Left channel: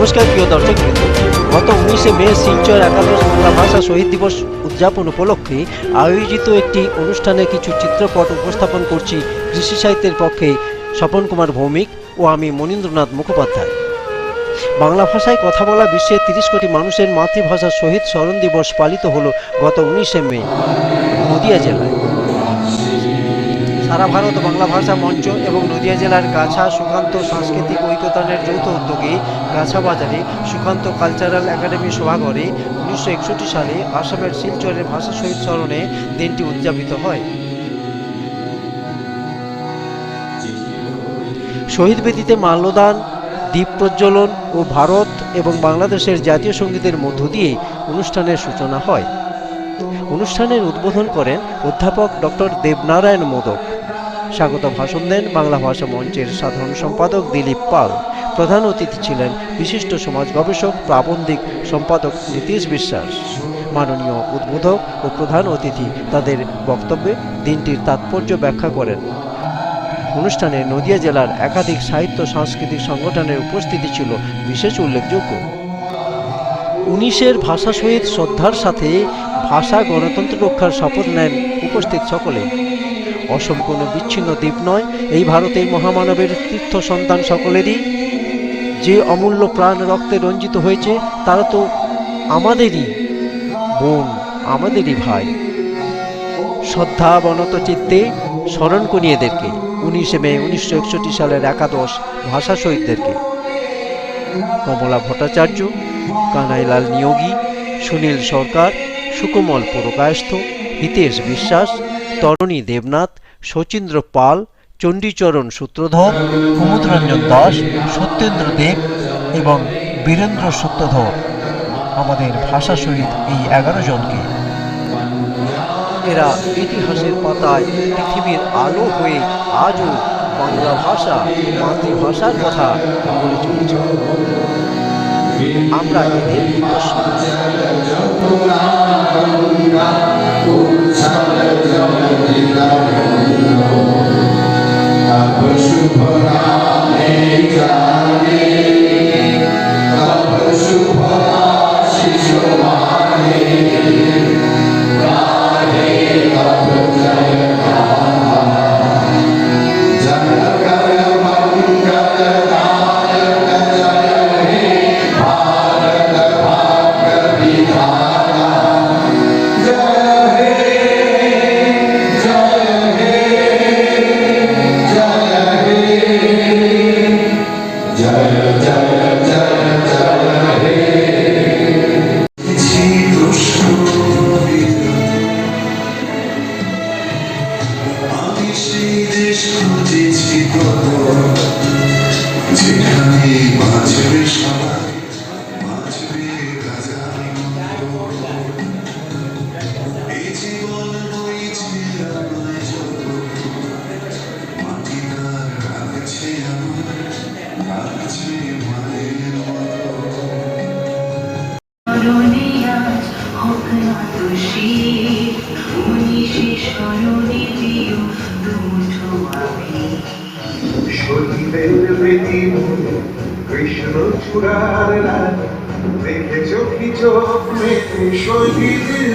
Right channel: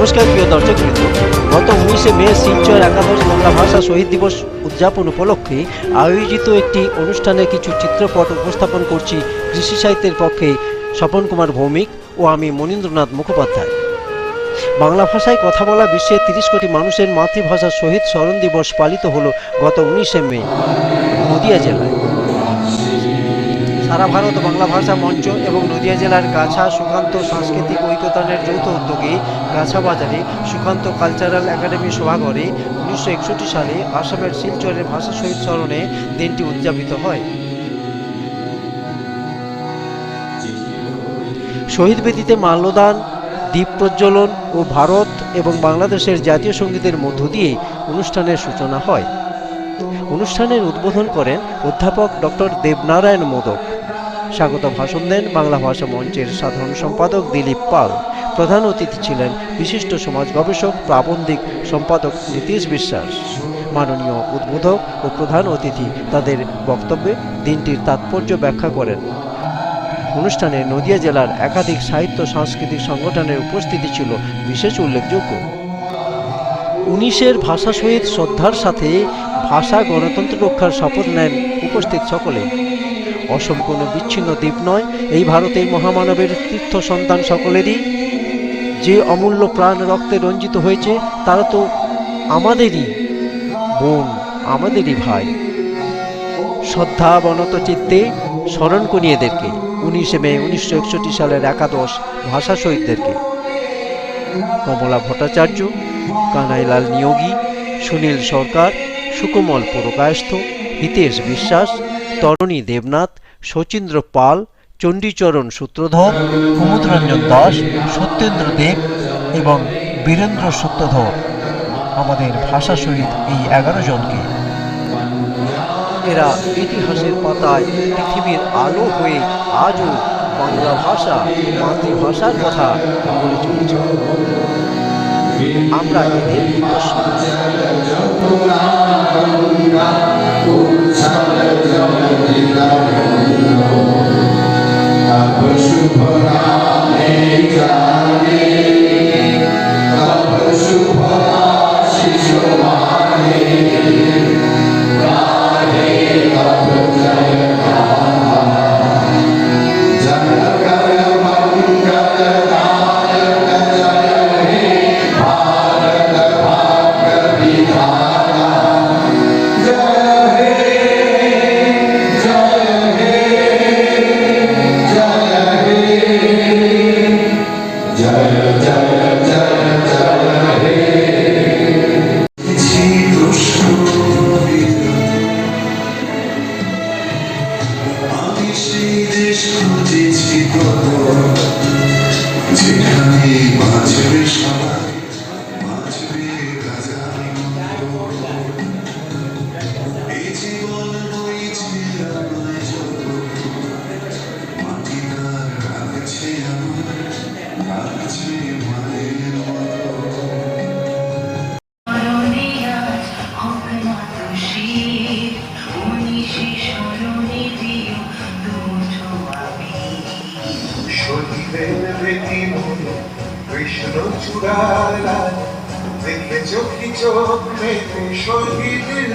নমস্কার, প্রিয় দর্শক বৃন্দ। গত উনিশে মে শিলচর একাদশ বাংলা ভাষা শহীদ দিবস উদযাপন উপলক্ষে আয়োজিত একটি অনুষ্ঠানে কিছু চিত্রপট উপস্থাপন করছি কৃষি সাহিত্যের পক্ষে স্বপন কুমার ভৌমিক ও আমি মনীন্দ্রনাথ মুখোপাধ্যায়। বাংলা ভাষায় কথা বলা বিশ্বের তিরিশ কোটি মানুষের মাতৃভাষা শহীদ স্মরণ দিবস পালিত হল গত উনিশে মে। নদিয়া জেলায়। সারা ভারত বাংলা ভাষা মঞ্চ এবং নদিয়া জেলার গাছা সুকান্ত সাংস্কৃতিক ঐকতানের যৌথ উদ্যোগে গাছা বাজারে সুকান্ত কালচারাল একাডেমি সভাঘরে উনিশশো একষট্টি সালে আসামের শিলচরের ভাষা শহীদ স্মরণে দিনটি উদযাপিত হয়। শহীদ বেদিতে মাল্যদান, দ্বীপ প্রজ্বলন ও ভারত এবং বাংলাদেশের জাতীয় সঙ্গীতের মধ্য দিয়ে অনুষ্ঠানের সূচনা হয়। অনুষ্ঠানের উদ্বোধন করেন অধ্যাপক ডক্টর দেবনারায়ণ মোদক। স্বাগত ভাষণ দেন বাংলা ভাষা মঞ্চের সাধারণ সম্পাদক দিলীপ পাল। প্রধান অতিথি ছিলেন বিশিষ্ট সমাজ গবেষক, প্রাবন্ধিক সম্পাদক নীতিশ বিশ্বাস। মাননীয় উদ্বোধক ও প্রধান অতিথি তাদের বক্তব্যে দিনটির তাৎপর্য ব্যাখ্যা করেন। অনুষ্ঠানে নদিয়া জেলার একাধিক সাহিত্য সাংস্কৃতিক সংগঠনের উপস্থিতি ছিল বিশেষ উল্লেখযোগ্য। উনিশের ভাষা শহীদ শ্রদ্ধার সাথে ভাষা গণতন্ত্র রক্ষার শপথ নেন উপস্থিত সকলে। অসম কোনো বিচ্ছিন্ন দ্বীপ নয়। এই ভারতের মহামানবের তীর্থ সন্তান সকলেরই। যে অমূল্য প্রাণ রক্তে রঞ্জিত হয়েছে তারা তো আমাদেরই বোন, আমাদেরই ভাই। শ্রদ্ধা বনত চিত্তে স্মরণ করি এদেরকে, উনিশে মে উনিশশো একষট্টি সালের একাদশ ভাষা শহীদদেরকে। কমলা ভট্টাচার্য, কানাইলাল নিয়োগী, সুনীল সরকার, সুকোমল পুরকায়স্থ, হিতেশ বিশ্বাস তরণী দেবনাথ, শচীন্দ্র পাল, চণ্ডীচরণ সূত্রধর, কুমুদরঞ্জন দাস, সত্যেন্দ্র দেব এবং বীরেন্দ্র সত্যধর আমাদের ভাষা শহীদ এই এগারো জনকে এরা ইতিহাসের পাতায় পৃথিবীর আলো হয়ে আজও বাংলা ভাষা, মাতৃভাষার কথা বলে চলেছে। আমরা এদের I'm a Amen. আমি চূড়ারা দেখে চোখি চোখ মেতে শহীদের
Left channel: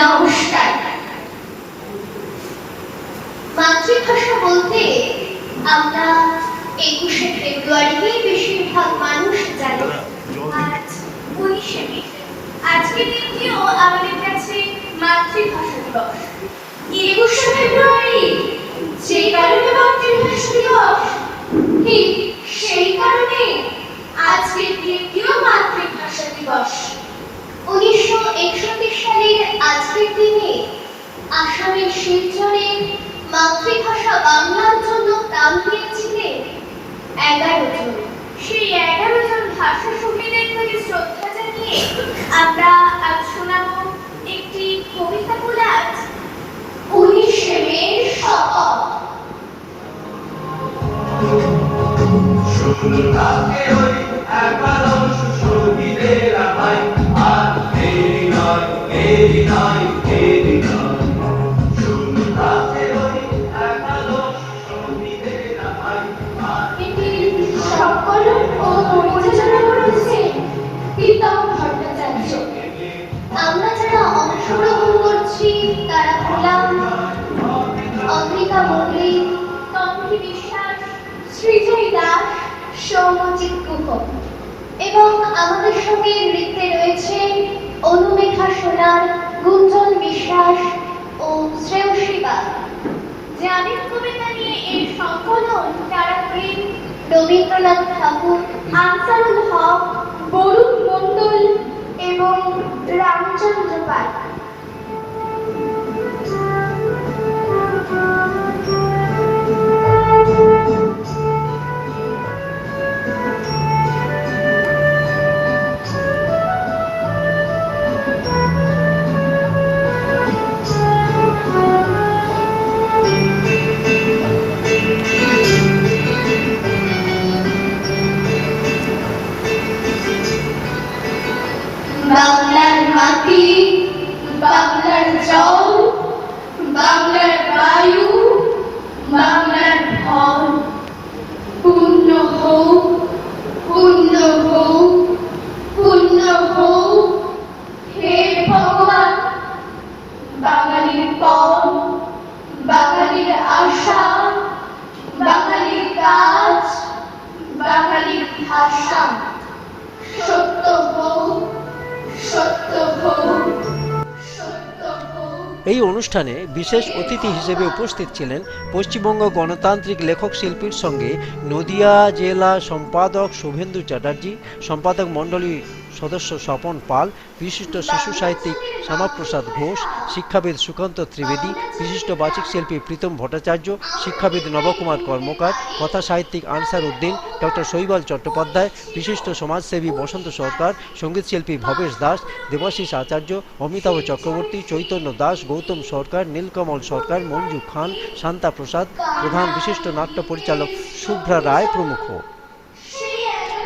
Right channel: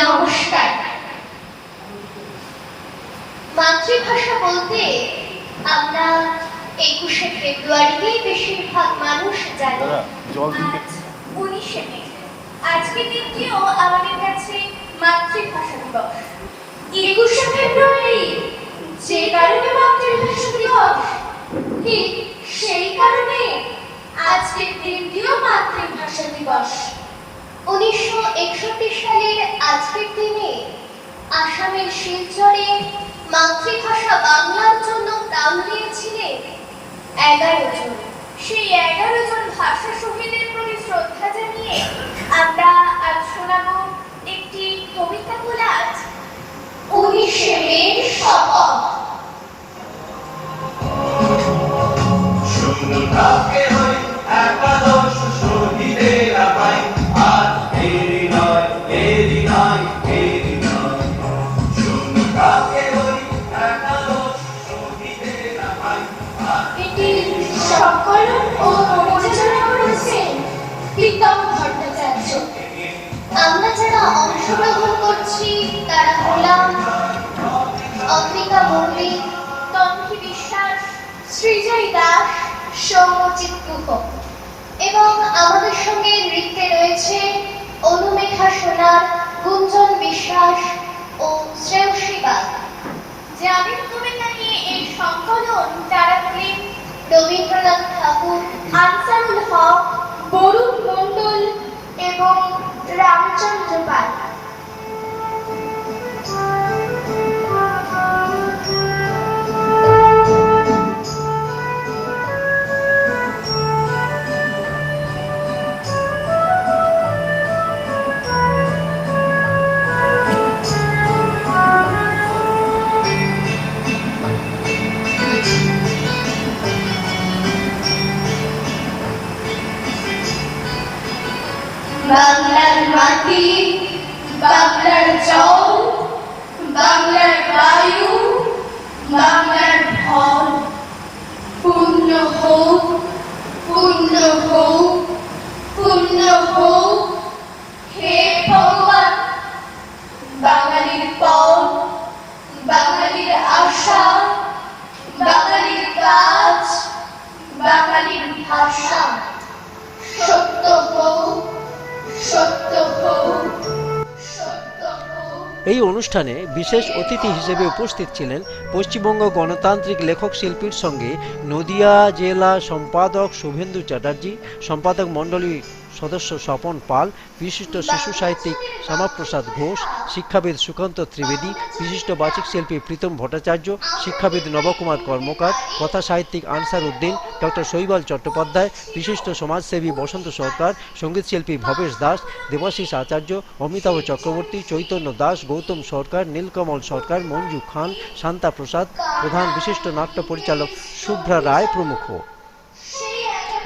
নমস্কার। মাতৃভাষা বলতে আমরা একুশে ফেব্রুয়ারিকে বেশিরভাগ মানুষ জানি। আজ উনিশে মে। আজকের দিনটিও আমাদের কাছে মাতৃভাষা দিবস। একুশে ফেব্রুয়ারি যে কারণে মাতৃভাষা দিবস ঠিক সেই কারণে আজকের দিনটিও মাতৃভাষা দিবস। উনিশশো একষট্টি সালের আজকের দিনে আসামের শিলচরে মাতৃভাষা বাংলার জন্য প্রাণ দিয়েছিলেন এগারো জন। সেই এগারো জন ভাষা শহীদের প্রতি শ্রদ্ধা জানিয়ে আমরা শ্রীজয় দাস সৌম্যজিৎ গুহ এবং আমাদের সঙ্গে নৃত্যে রয়েছে অনুমেঘা সোনার গুঞ্জন বিশ্বাস ও শ্রেয়সী বাগ জামিন কবিতা নিয়ে এই সংকলন যারা রবীন্দ্রনাথ ঠাকুর আনসারুল হক এই অনুষ্ঠানে বিশেষ অতিথি হিসেবে উপস্থিত ছিলেন পশ্চিমবঙ্গ গণতান্ত্রিক লেখক শিল্পীর সঙ্গে নদিয়া জেলা সম্পাদক শুভেন্দু চ্যাটার্জি, সম্পাদক মণ্ডলী সদস্য স্বপন পাল, বিশিষ্ট শিশু সাহিত্যিক শ্যামাপ্রসাদ ঘোষ, শিক্ষাবিদ সুকান্ত ত্রিবেদী, বিশিষ্ট বাচিক শিল্পী প্রীতম ভট্টাচার্য, শিক্ষাবিদ নবকুমার কর্মকার, কথা সাহিত্যিক আনসার উদ্দিন, ডক্টর শৈবাল চট্টোপাধ্যায়, বিশিষ্ট সমাজসেবী বসন্ত সরকার সঙ্গীতশিল্পী ভবেশ দাস, দেবাশিস আচার্য, অমিতাভ চক্রবর্তী, চৈতন্য দাস, গৌতম সরকার, নীলকমল সরকার, মঞ্জু খান, শান্তা প্রসাদ, প্রধান বিশিষ্ট নাট্য পরিচালক শুভ্রা রায় প্রমুখ।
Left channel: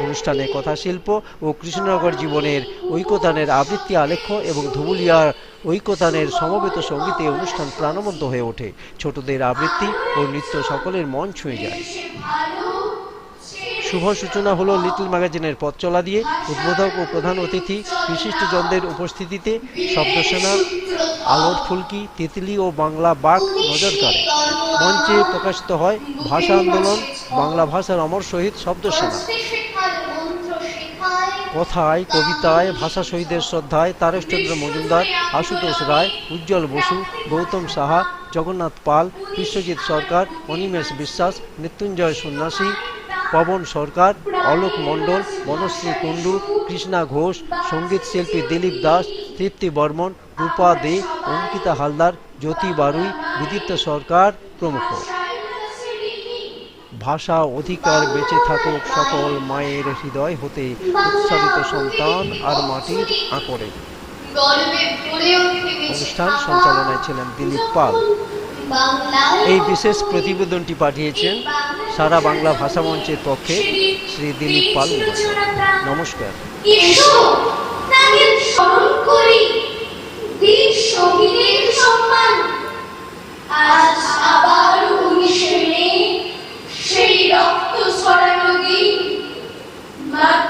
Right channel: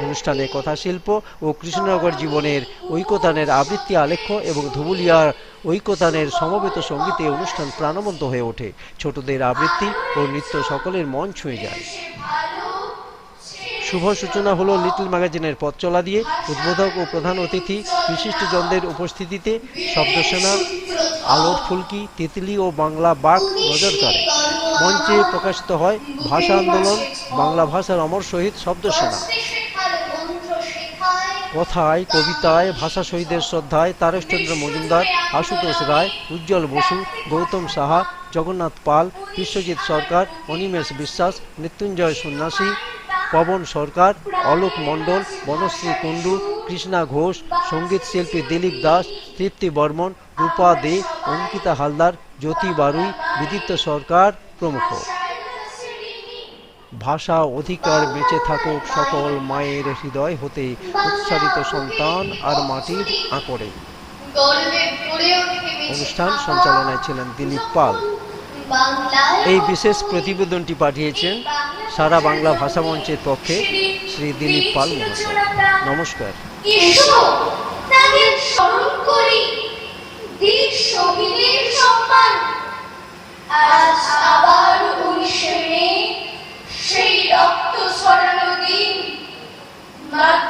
অনুষ্ঠানে কথাশিল্প ও কৃষ্ণনগর জীবনের ঐকতানের আবৃত্তি আলেখ্য এবং ধুবুলিয়ার ঐকতানের সমবেত সঙ্গীতে অনুষ্ঠান প্রাণবন্ত হয়ে ওঠে। ছোটদের আবৃত্তি ও নৃত্য সকলের মন ছুঁয়ে যায়। শুভ সূচনা হলো লিটল ম্যাগাজিনের পথ চলা দিয়ে। উদ্বোধক ও প্রধান অতিথি বিশিষ্টজনদের উপস্থিতিতে শব্দসেনা, আলোর ফুলকি, তিতলি ও বাংলা বাক নজর কাড়ে। মঞ্চে প্রকাশিত হয় ভাষা আন্দোলন, বাংলা ভাষার অমর শহীদ শব্দসেনা। কথায়, কবিতায় ভাষা শহীদের শ্রদ্ধায় তারেশচন্দ্র মজুমদার, আশুতোষ রায়, উজ্জ্বল বসু, গৌতম সাহা, জগন্নাথ পাল, বিশ্বজিৎ সরকার, অনিমেষ বিশ্বাস, মৃত্যুঞ্জয় সন্ন্যাসী, পবন সরকার, অলোক মণ্ডল, বনশ্রী কুণ্ডু, কৃষ্ণা ঘোষ, সংগীত শিল্পী দিলীপ দাস, তৃপ্তি বর্মন, রূপা দে, অঙ্কিতা হালদার, জ্যোতি বারুই, বিদিত্য সরকার প্রমুখ। ভাষা অধিকার বেঁচে থাকুক সকল মায়ের হৃদয় হতে উৎসারিত সন্তান আর মাটির আঁকড়ে। অনুষ্ঠান সঞ্চালনায় ছিলেন দিলীপ পাল। এই বিশেষ প্রতিবেদনটি পাঠিয়েছেন সারা বাংলা ভাষা মঞ্চের পক্ষে শ্রী দিলীপ পাল মহাশয়। নমস্কার। সম্মান আজ আবার facultad